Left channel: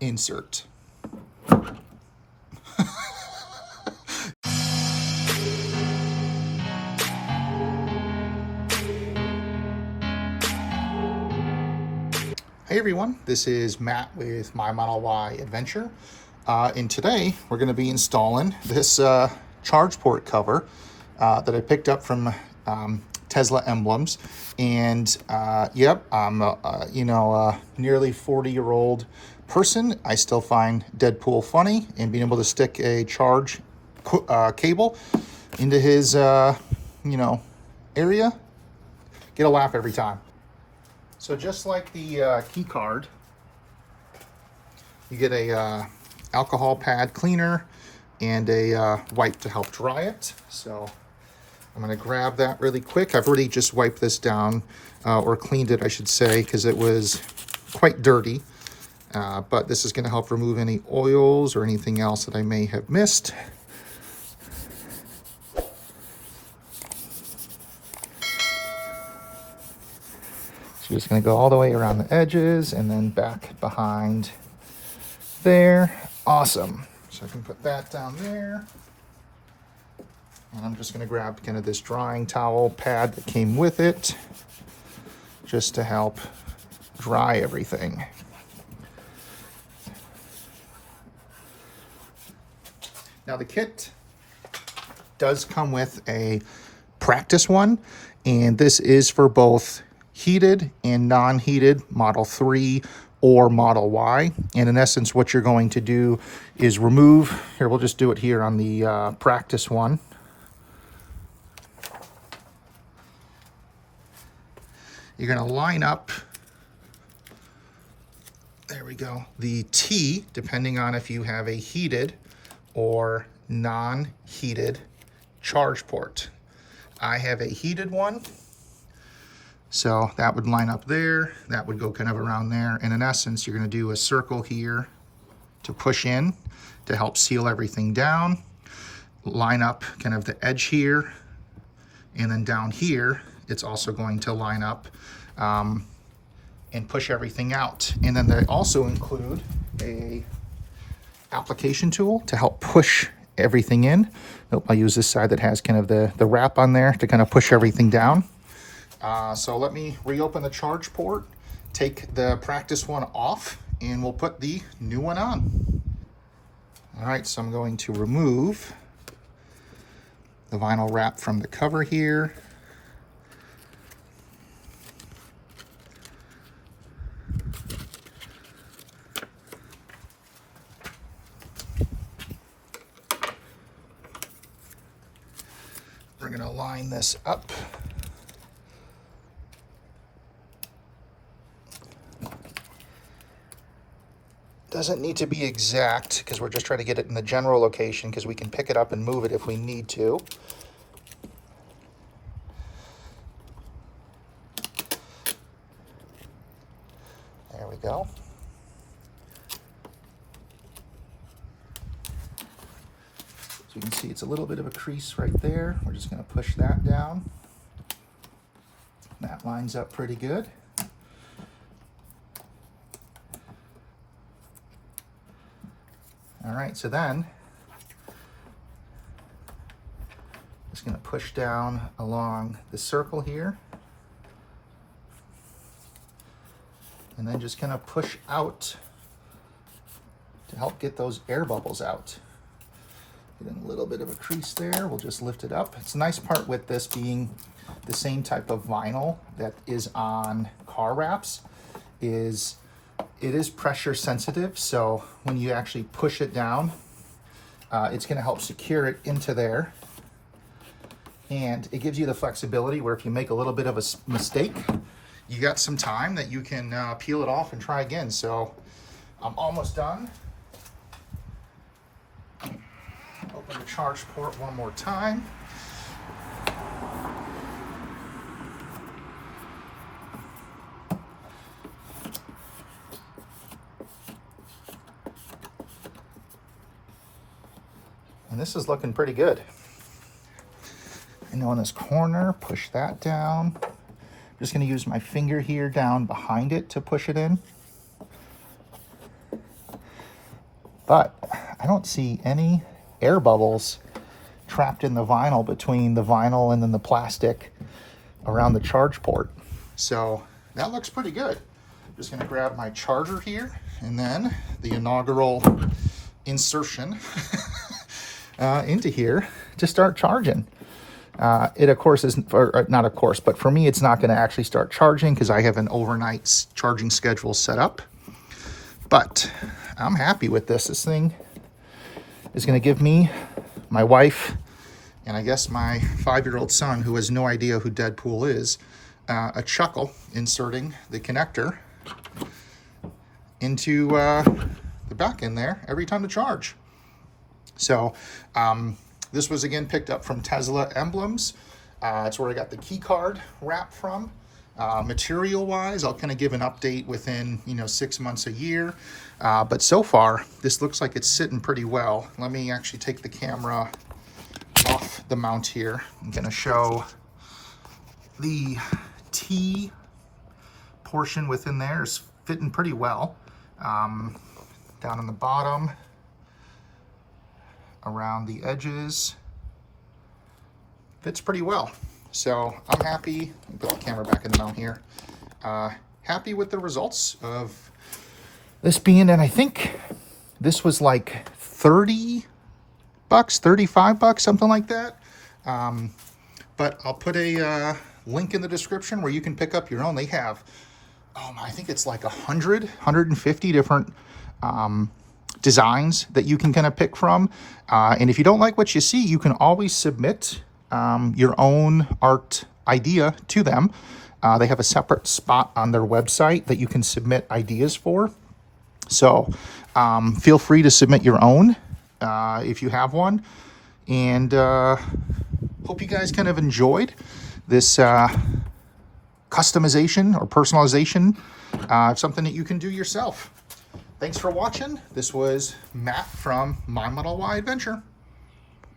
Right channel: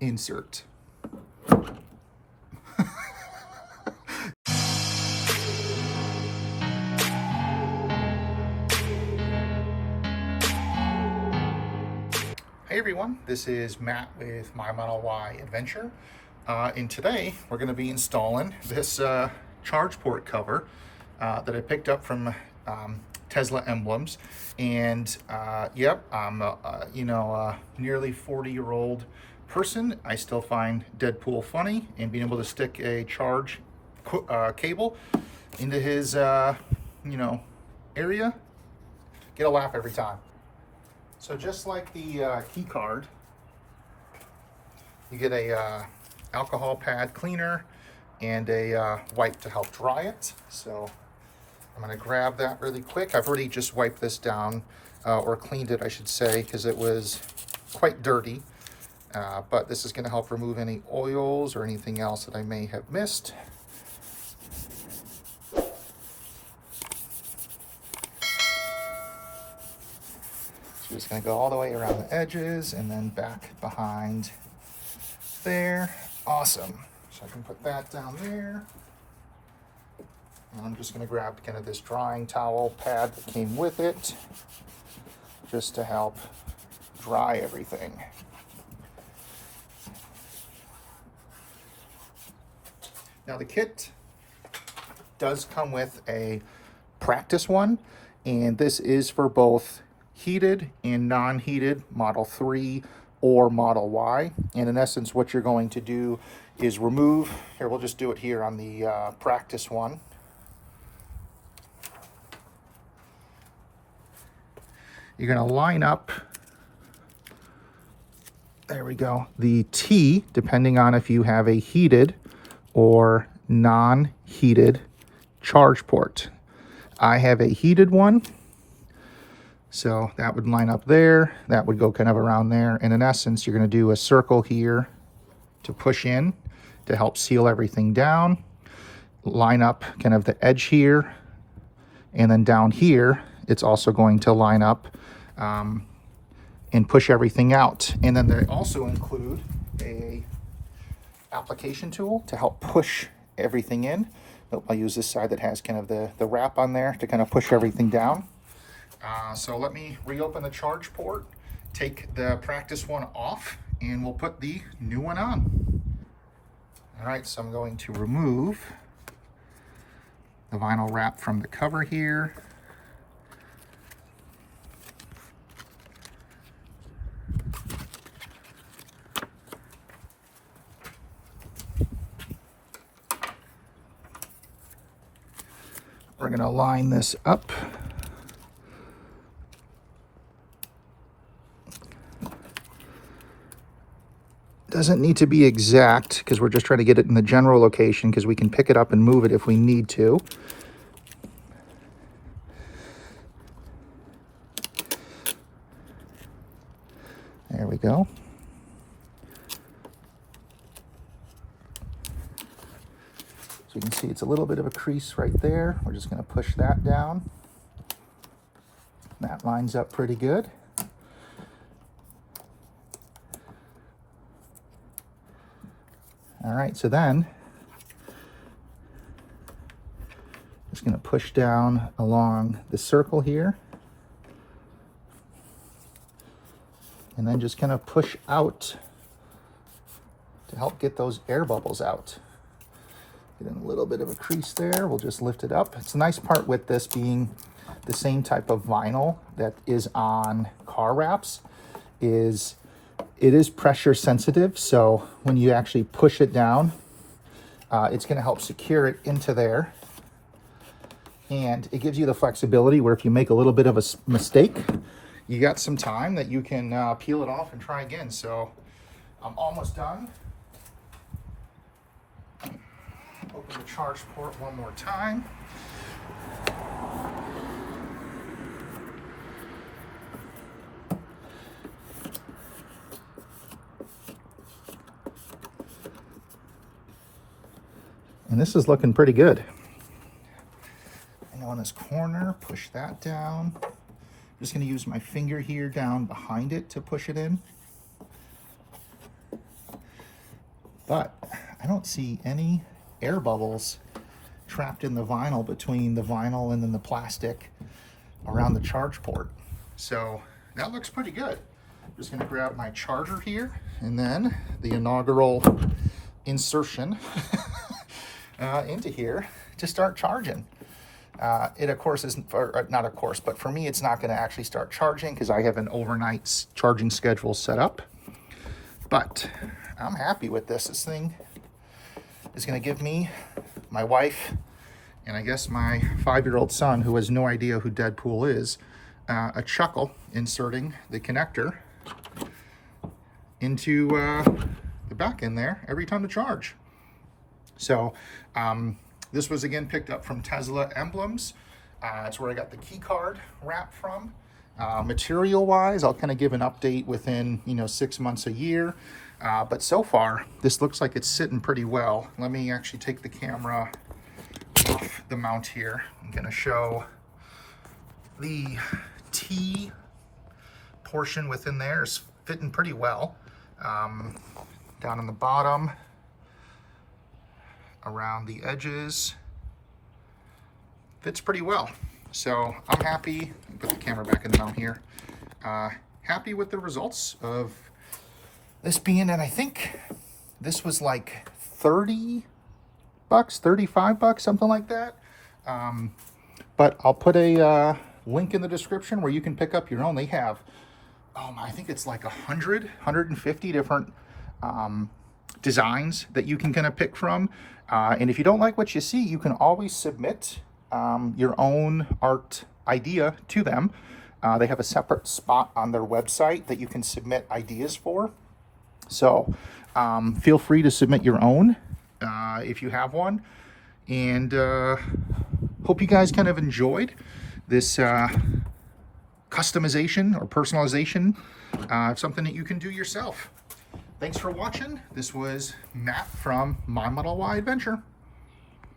insert. Hey everyone, this is Matt with My Model Y Adventure. And today we're going to be installing this charge port cover that I picked up from Tesla Emblems. And yep, I'm nearly 40-year-old person. I still find Deadpool funny, and being able to stick a charge cable into his area, get a laugh every time. So just like the key card, you get a alcohol pad cleaner and a wipe to help dry it. So I'm going to grab that really quick. I've already just wiped this down, or cleaned it, I should say, because it was quite dirty. But this is going to help remove any oils or anything else that I may have missed. So just going to go all the way around the edges and then back behind there. Awesome. So I can put that down there. And I'm just going to grab kind of this drying towel pad that came with it, just to help dry everything. Now the kit does come with a practice one, and this is for both heated and non-heated Model 3 or Model Y. And in essence, what you're going to do is remove, here, we'll just do it here on the practice one. You're going to line up, there we go, the T, depending on if you have a heated or non-heated charge port. I have a heated one, so that would line up there. That would go kind of around there. And in essence, you're going to do a circle here to push in to help seal everything down. Line up kind of the edge here. And then down here, it's also going to line up and push everything out. And then they also include a application tool to help push everything in. Nope, I use this side that has kind of the wrap on there to kind of push everything down. So let me reopen the charge port, take the practice one off, and we'll put the new one on. All right, so I'm going to remove the vinyl wrap from the cover here. We're going to line this up. Doesn't need to be exact because we're just trying to get it in the general location, because we can pick it up and move it if we need to. There we go. So you can see it's a little bit of a crease right there. We're just going to push that down. That lines up pretty good. All right, so then just going to push down along the circle here, and then just kind of push out to help get those air bubbles out. Get in a little bit of a crease there. We'll just lift it up. It's a nice part with this being the same type of vinyl that is on car wraps, is it is pressure sensitive, so when you actually push it down, it's going to help secure it into there. And it gives you the flexibility where if you make a little bit of a mistake, you got some time that you can peel it off and try again. So I'm almost done. Open the charge port one more time. And this is looking pretty good. And on this corner, push that down. I'm just going to use my finger here down behind it to push it in. but I don't see any air bubbles trapped in the vinyl between the vinyl and then the plastic around the charge port. So that looks pretty good. Just gonna grab my charger here and then the inaugural insertion into here to start charging. It of course isn't, or not of course, but for me it's not going to actually start charging because I have an overnight charging schedule set up. But I'm happy with this. This thing is going to give me, my wife, and I guess my 5-year-old son, who has no idea who Deadpool is, a chuckle inserting the connector into the back end there every time to charge. So this was again picked up from Tesla Emblems. It's where I got the Keycard wrap from. Material wise, I'll kind of give an update within 6 months, a year. But so far, this looks like it's sitting pretty well. Let me actually take the camera off the mount here. I'm going to show the T portion within there is fitting pretty well. Down on the bottom, around the edges, fits pretty well. So I'm happy. Put the camera back in the mount here. Happy with the results of this being, and I think this was like 30 bucks, 35 bucks, something like that. But I'll put a link in the description where you can pick up your own. They have, I think it's like 150 different designs that you can kind of pick from. And if you don't like what you see, you can always submit your own art idea to them. They have a separate spot on their website that you can submit ideas for. So feel free to submit your own if you have one. And hope you guys kind of enjoyed this customization or personalization, something that you can do yourself. Thanks for watching. This was Matt from My Model Y Adventure.